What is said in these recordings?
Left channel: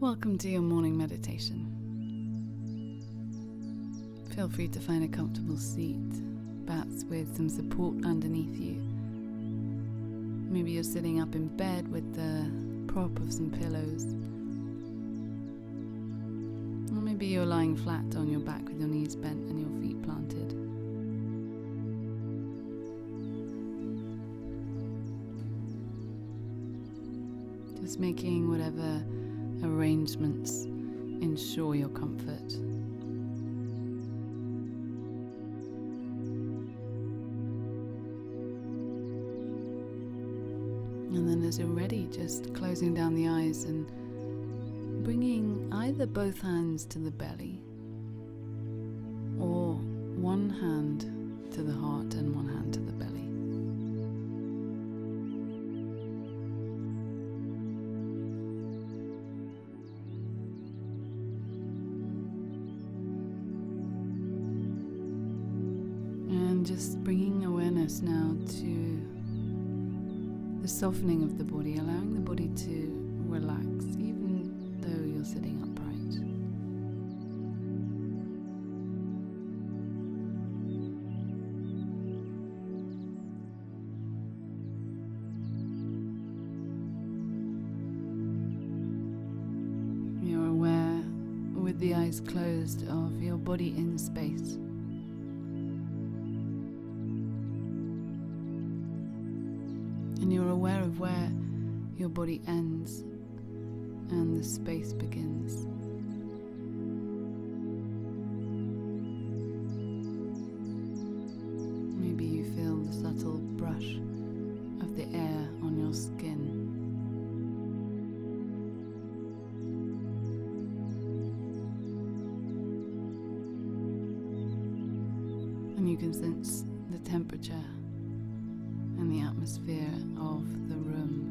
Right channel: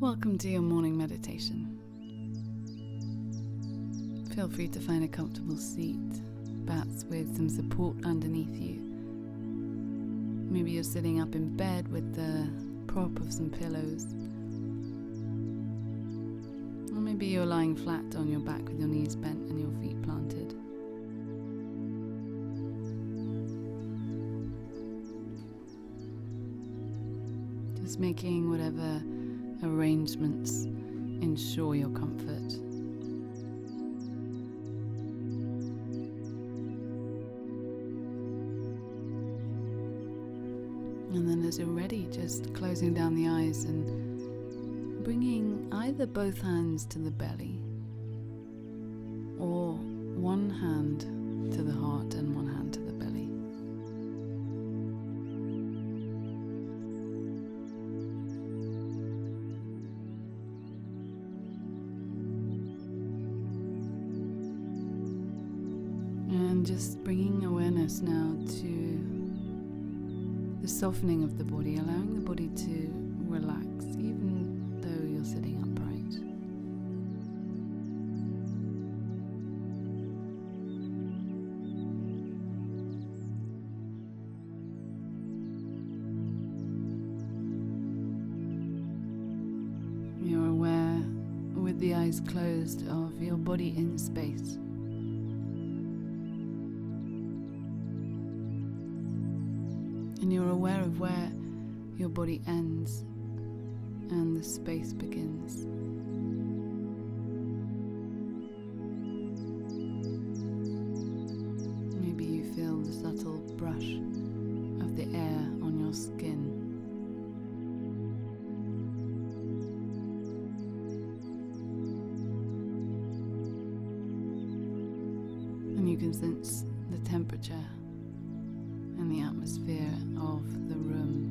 Welcome to your morning meditation. Feel free to find a comfortable seat, perhaps with some support underneath you. Maybe you're sitting up in bed with the prop of some pillows. Or maybe you're lying flat on your back with your knees bent and your feet planted. Just making whatever arrangements ensure your comfort. And then as you're ready, just closing down the eyes and bringing either both hands to the belly or one hand to the heart and one hand to the belly. And just bringing awareness now to the softening of the body, allowing the body to relax even though you're sitting upright. You're aware, with the eyes closed, of your body in space. And you're aware of where your body ends and the space begins. Maybe you feel the subtle brush of the air on your skin. And you can sense the temperature and the atmosphere of the room.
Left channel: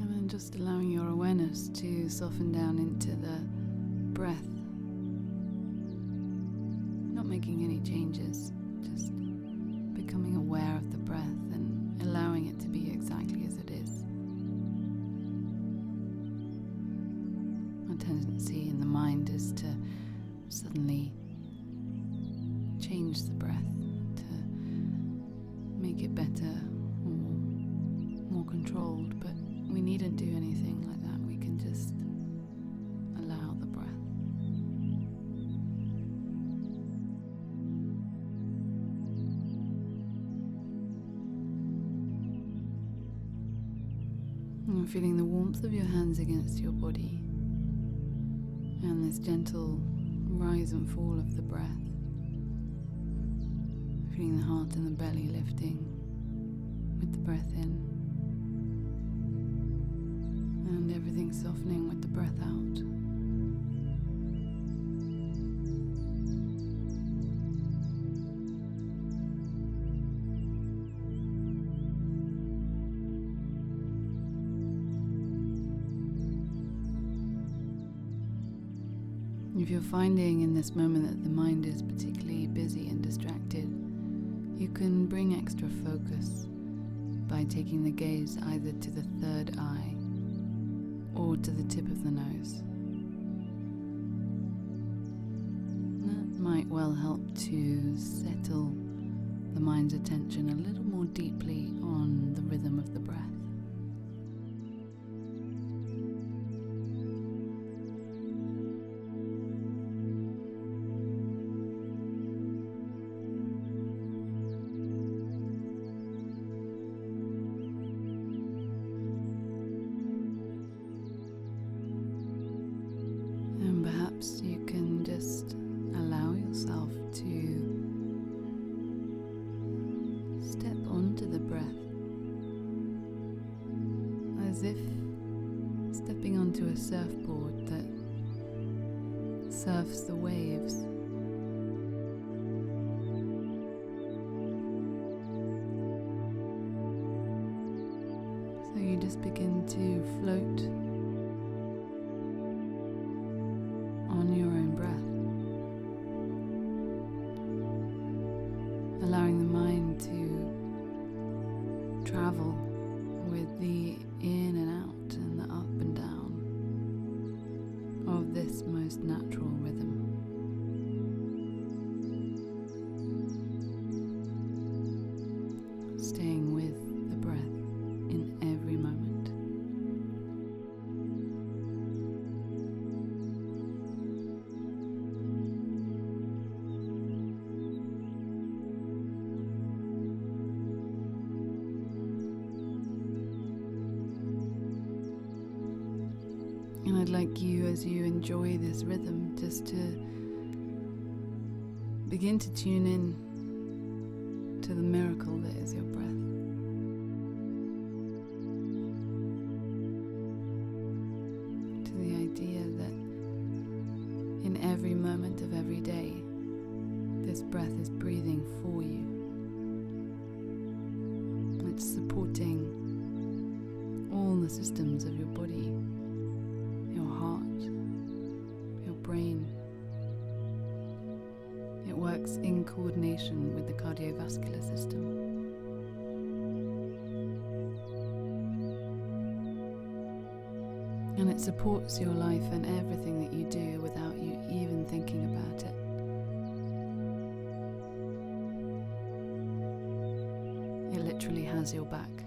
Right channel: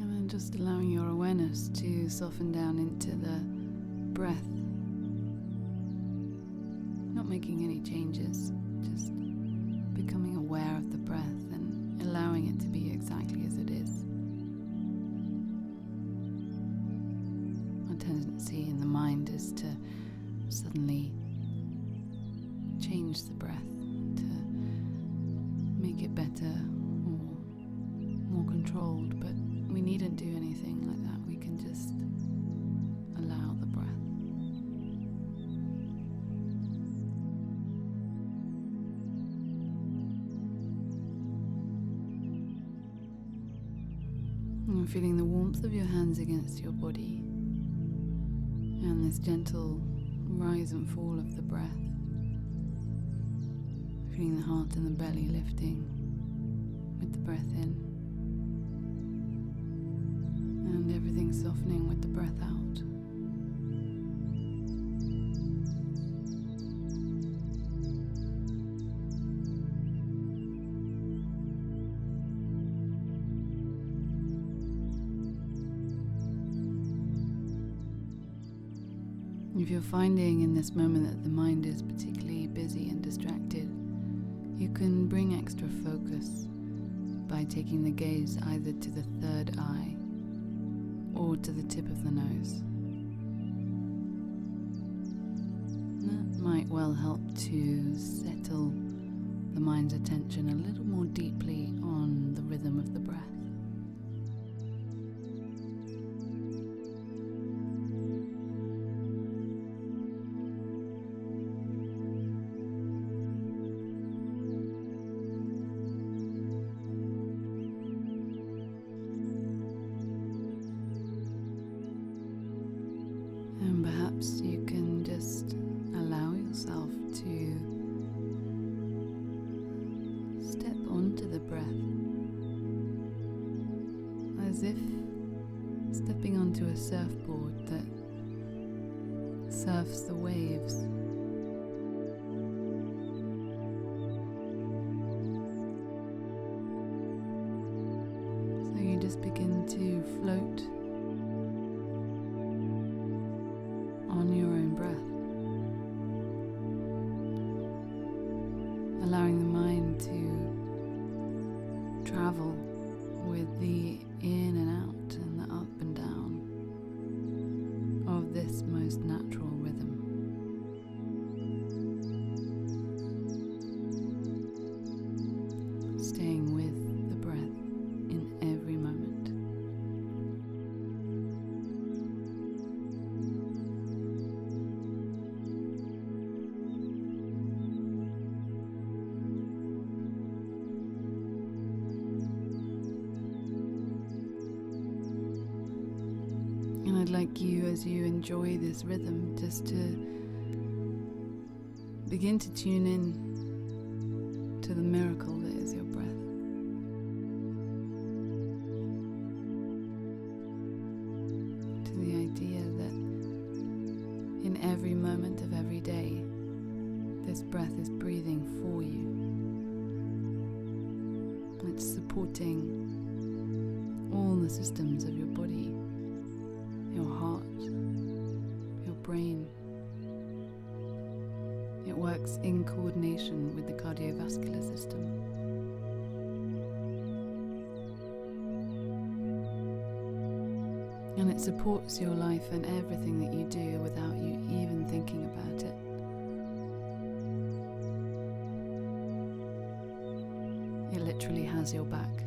And then just allowing your awareness to soften down into the breath. Not making any changes, just becoming aware of the breath and allowing it to be exactly as it is. Our tendency in the mind is to suddenly change the breath to make it better or more controlled, but we needn't do anything like that. We can just allow the breath. And feeling the warmth of your hands against your body and this gentle rise and fall of the breath. Feeling the heart and the belly lifting with the breath in and everything softening with the breath out. If you're finding in this moment that the mind is particularly busy and distracted, you can bring extra focus by taking the gaze either to the third eye or to the tip of the nose. That might well help to settle the mind's attention a little more deeply on the rhythm of the breath. And perhaps you can just allow yourself to step onto the breath as if stepping onto a surfboard that surfs the waves. just begin to float on your own breath, allowing the mind to travel with the in and out and the up and down of this most natural rhythm. Staying with the breath in every moment. And I'd like you, as you enjoy this rhythm, just to begin to tune in to the miracle that is your breath. To the idea that in every moment of every day, this breath is breathing for you. It's supporting all the systems of your body, your heart, your brain. It works in coordination with the cardiovascular system. And it supports your life and everything that you do without you even thinking about it. It literally has your back.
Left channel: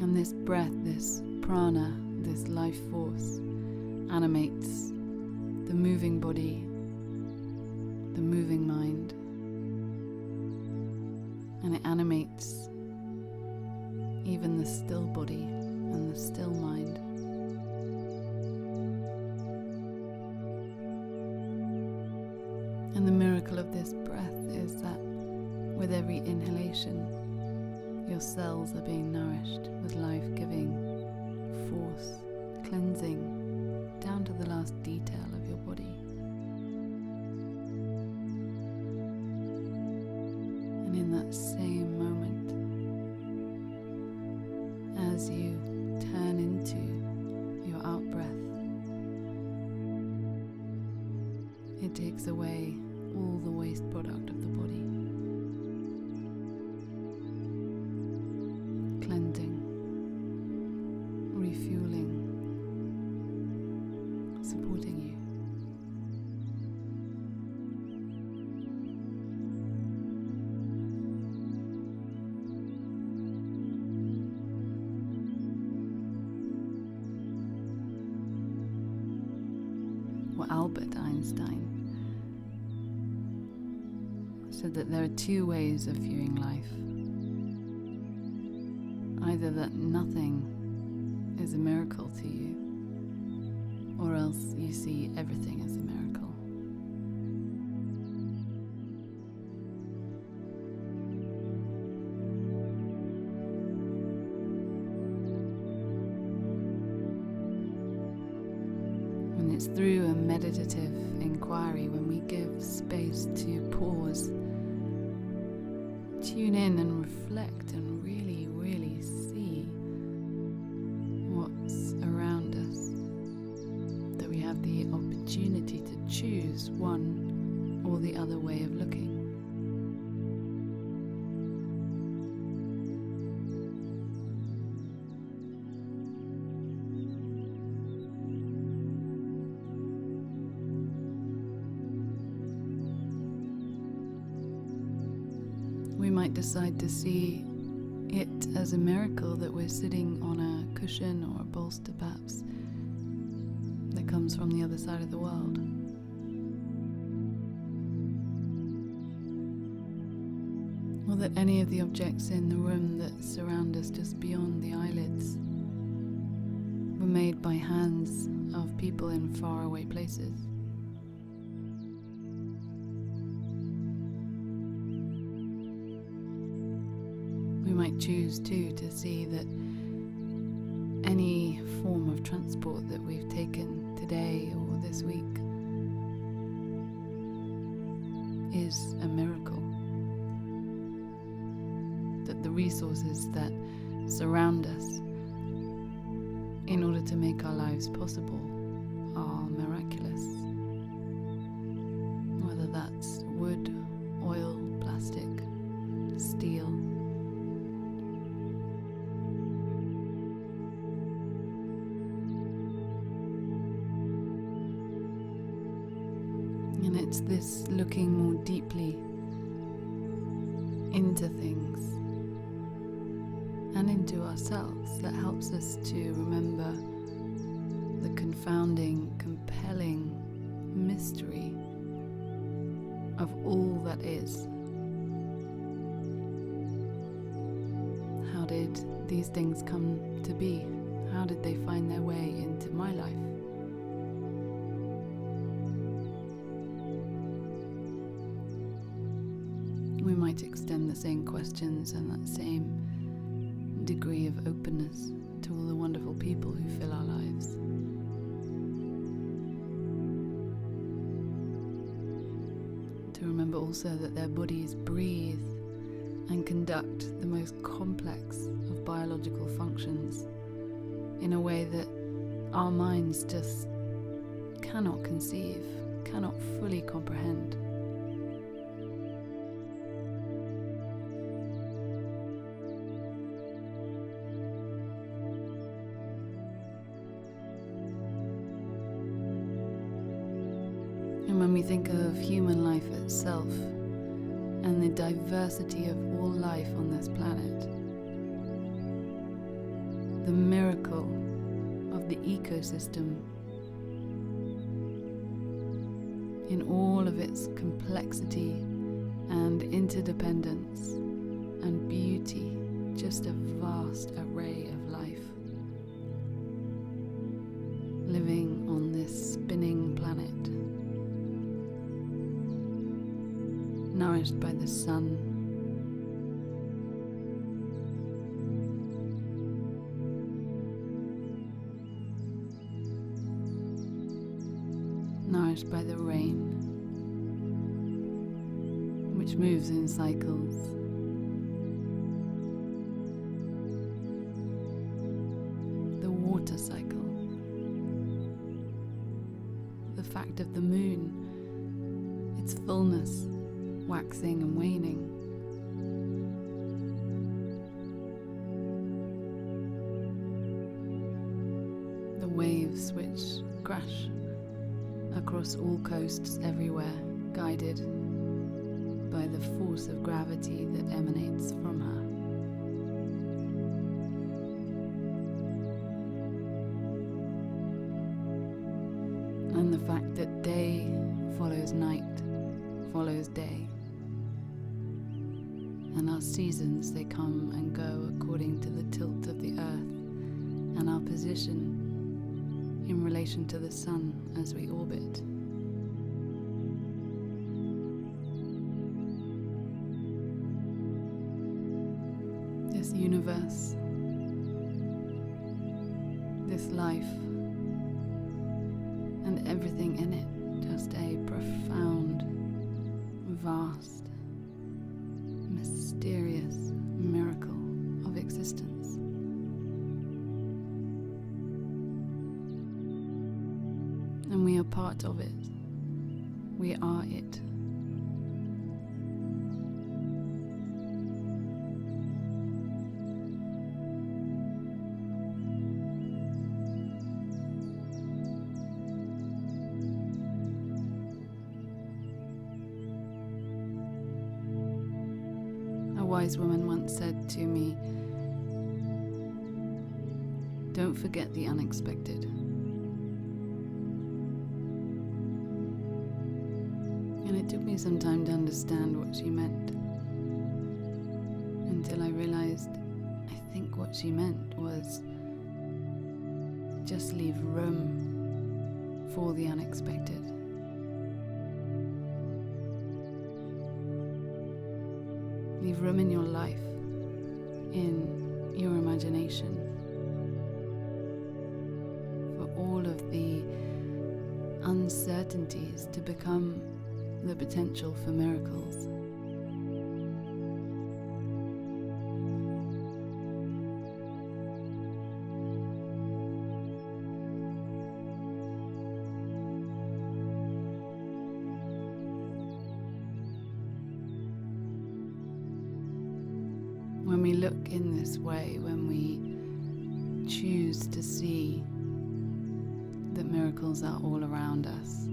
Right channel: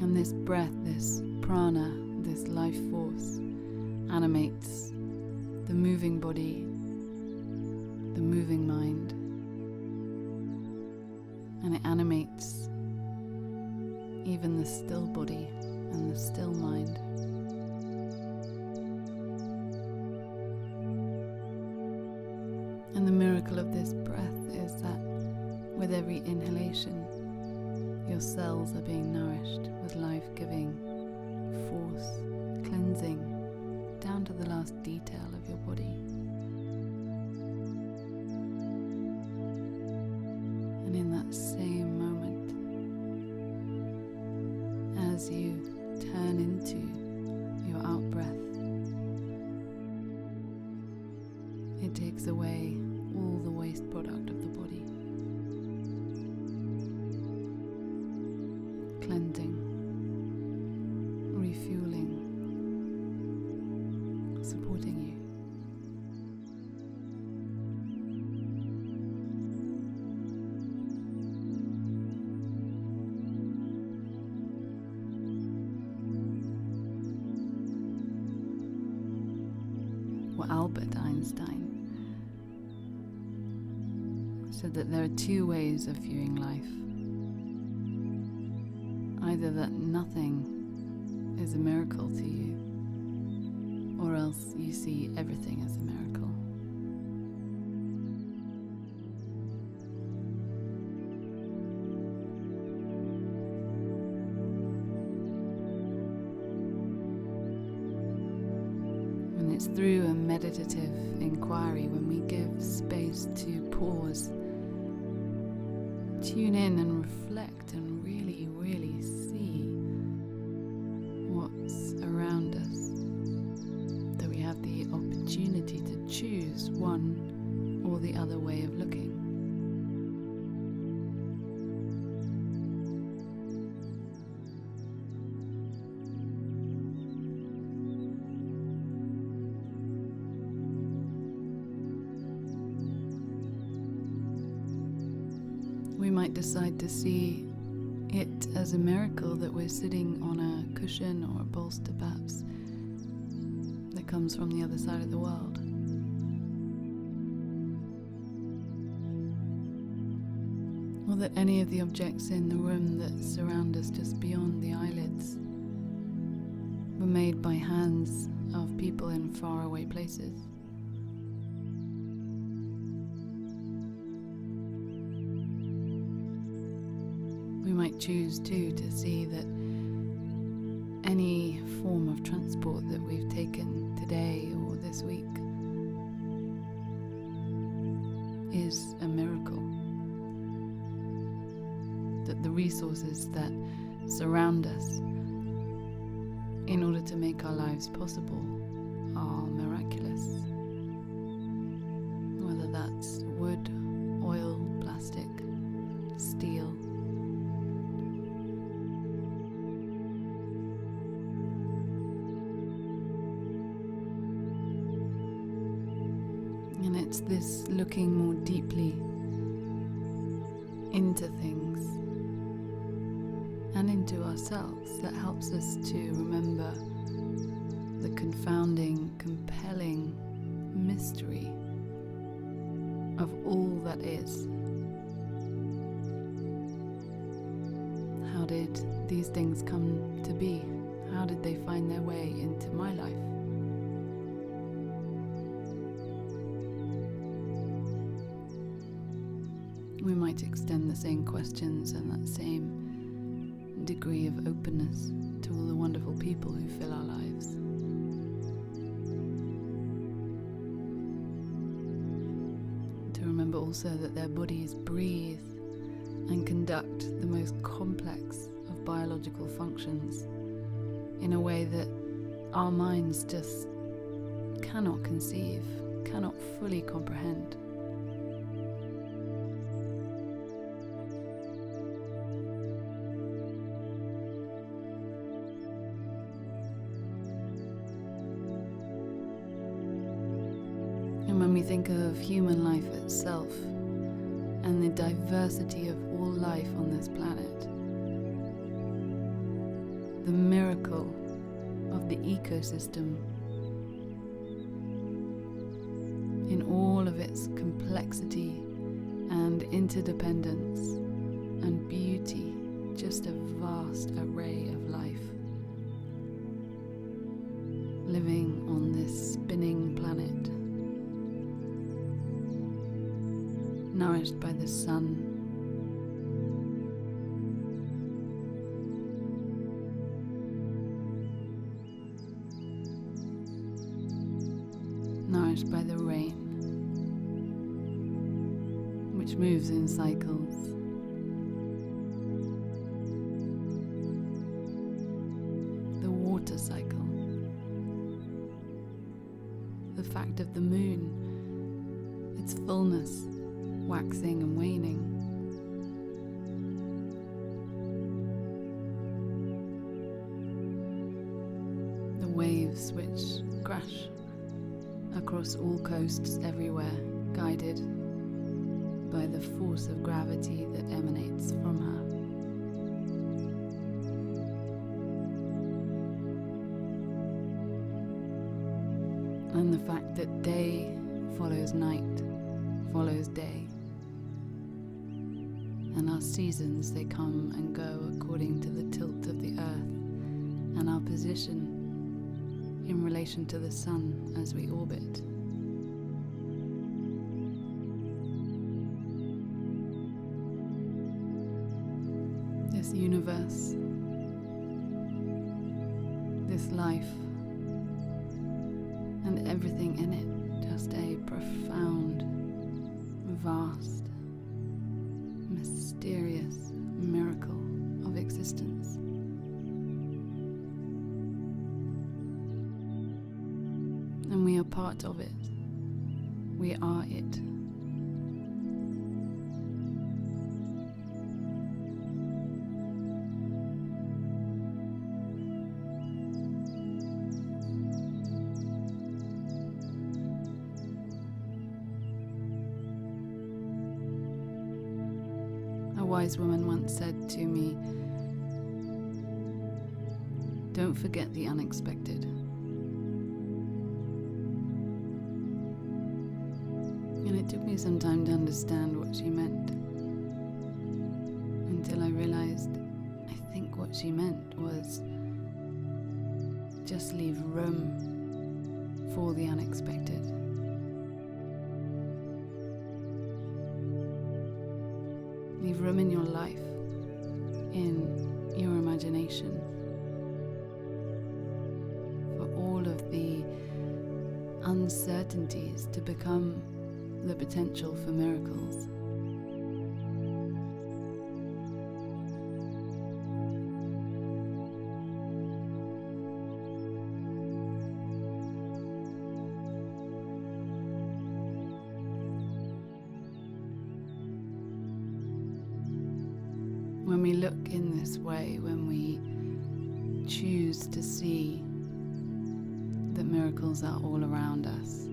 And this breath, this prana, this life force animates the moving body, the moving mind, and it animates even the still body and the still mind. And the miracle of this breath is that with every inhalation, your cells are being nourished with life-giving force, cleansing down to the last detail of your body. And in that same moment, as you turn into your out-breath, it takes away all the waste product of the body. Cleansing, refueling, supporting you. Well, Albert Einstein said that there are two ways of viewing life. Either that nothing is a miracle to you, or else you see everything as a miracle. And it's through a meditative inquiry, when we give space to pause, tune in and reflect and really see what's around us, that we have the opportunity to choose one or the other way of looking. We might decide to see it as a miracle that we're sitting on a cushion or a bolster perhaps that comes from the other side of the world. Or that any of the objects in the room that surround us just beyond the eyelids were made by hands of people in faraway places. We might choose too to see that any form of transport that we've taken today or this week is a miracle. That the resources that surround us in order to make our lives possible are miraculous. Whether that's wood, oil, plastic, steel. And it's this looking more deeply into things and into ourselves that helps us to remember the confounding, compelling mystery of all that is. How did these things come to be? How did they find their way into my life? We might extend the same questions and that same degree of openness to all the wonderful people who fill our lives. To remember also that their bodies breathe and conduct the most complex of biological functions in a way that our minds just cannot conceive, cannot fully comprehend. And when we think of human life itself and the diversity of all life on this planet, the miracle of the ecosystem in all of its complexity and interdependence and beauty, just a vast array of life living on this spinning planet, nourished by the sun, nourished by the rain, which moves in cycles, the water cycle, the fact of the moon, its fullness, waxing and waning, the waves which crash across all coasts everywhere, guided by the force of gravity that emanates from her. And the fact that day follows night, follows day. And our seasons, they come and go according to the tilt of the earth and our position in relation to the sun as we orbit. This universe, this life, and everything in it, just a profound, vast, mysterious miracle of existence. And we are part of it. We are it. A wise woman once said to me, "Don't forget the unexpected." And it took me some time to understand what she meant, until I realized I think what she meant was just leave room for the unexpected. Leave room in your life, in your imagination, for all of the uncertainties to become the potential for miracles. When we look in this way, when we choose to see that miracles are all around us,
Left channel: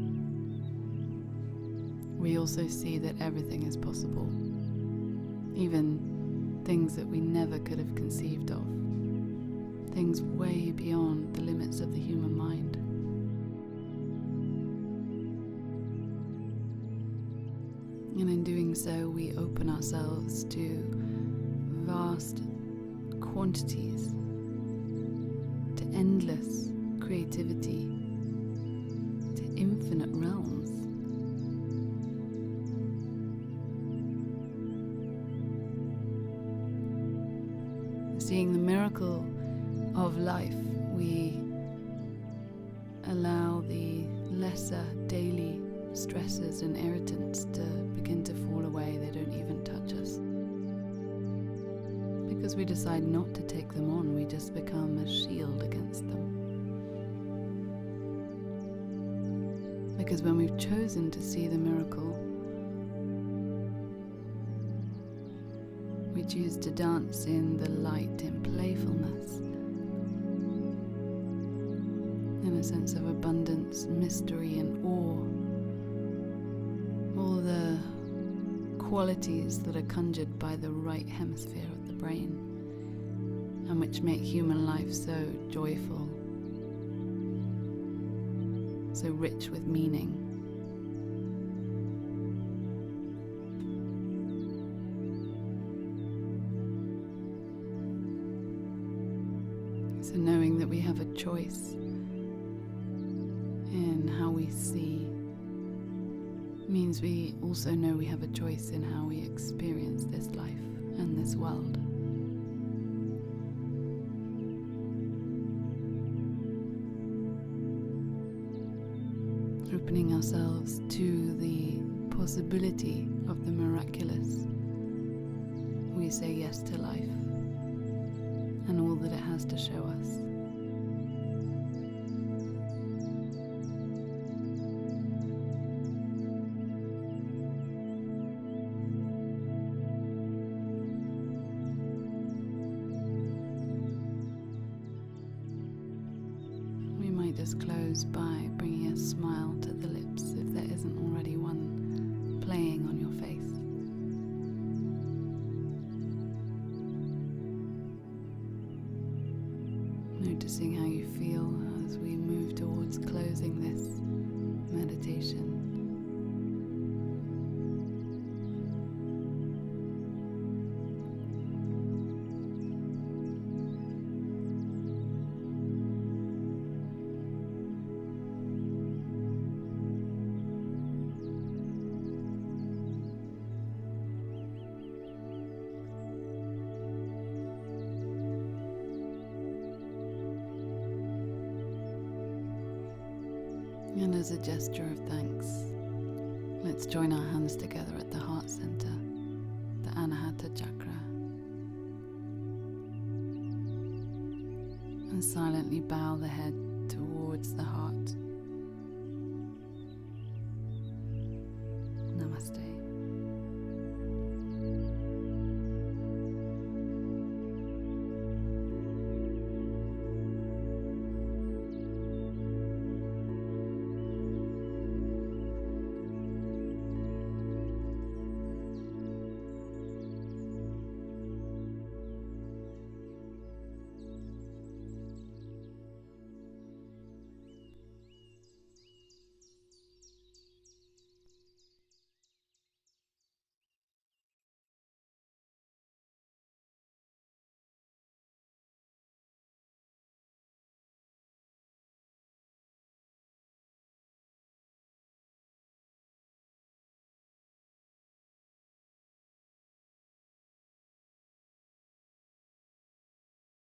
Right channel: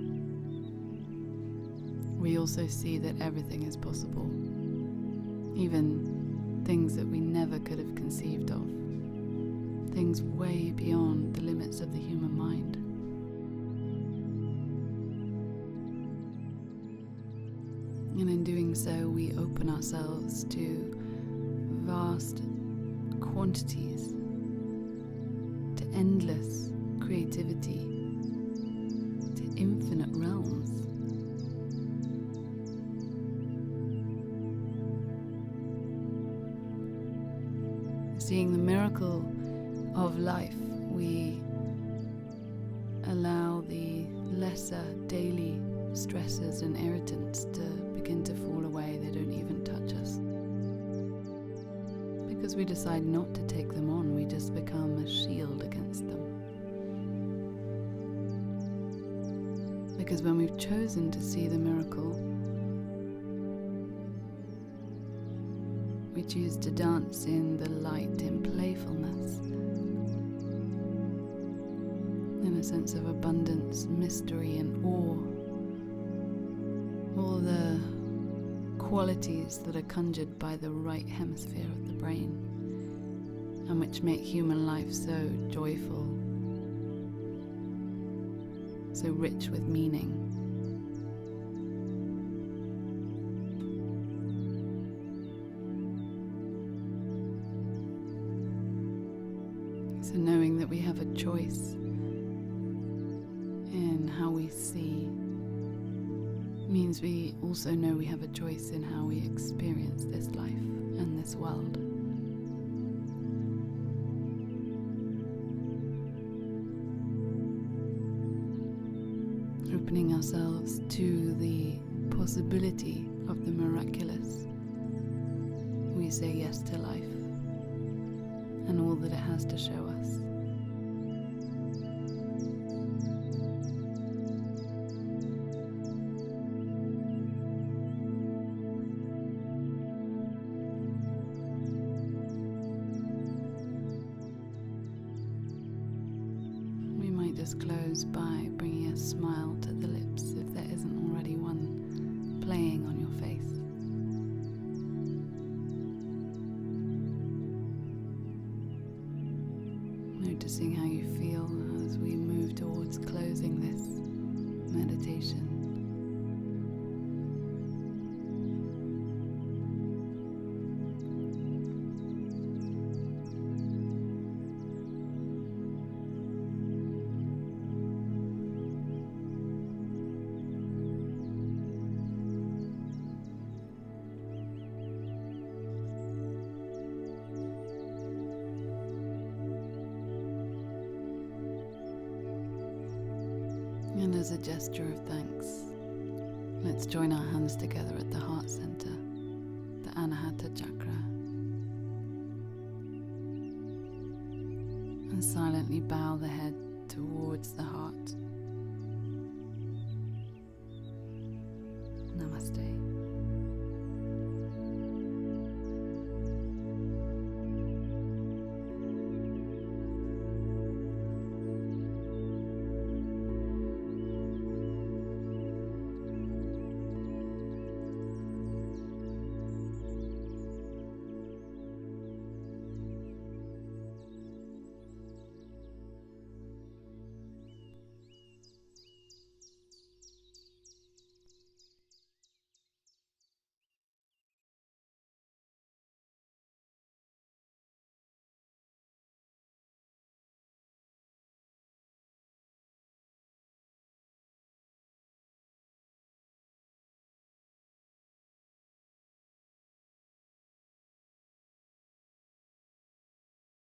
we also see that everything is possible, even things that we never could have conceived of, things way beyond the limits of the human mind. And in doing so, we open ourselves to vast quantities, to endless creativity, to infinite realms. Seeing the miracle of life, we allow the lesser daily stresses and irritants to begin to fall away. They don't even touch us. Because we decide not to take them on, we just become a shield against them. Because when we've chosen to see the miracle, we choose to dance in the light, in playfulness, in a sense of abundance, mystery and awe. All the qualities that are conjured by the right hemisphere of the brain, and which make human life so joyful, so rich with meaning. So knowing that we have a choice in how we see means we also know we have a choice in how we experience this life and this world. Opening ourselves to the possibility of the miraculous, we say yes to life and all that it has to show us. Just close by bringing a smile to the lips if there isn't already one playing on your face. Noticing how you feel as we move towards closing this meditation. And as a gesture of thanks, let's join our hands together at the heart center, the Anahata chakra, and silently bow the head towards the heart.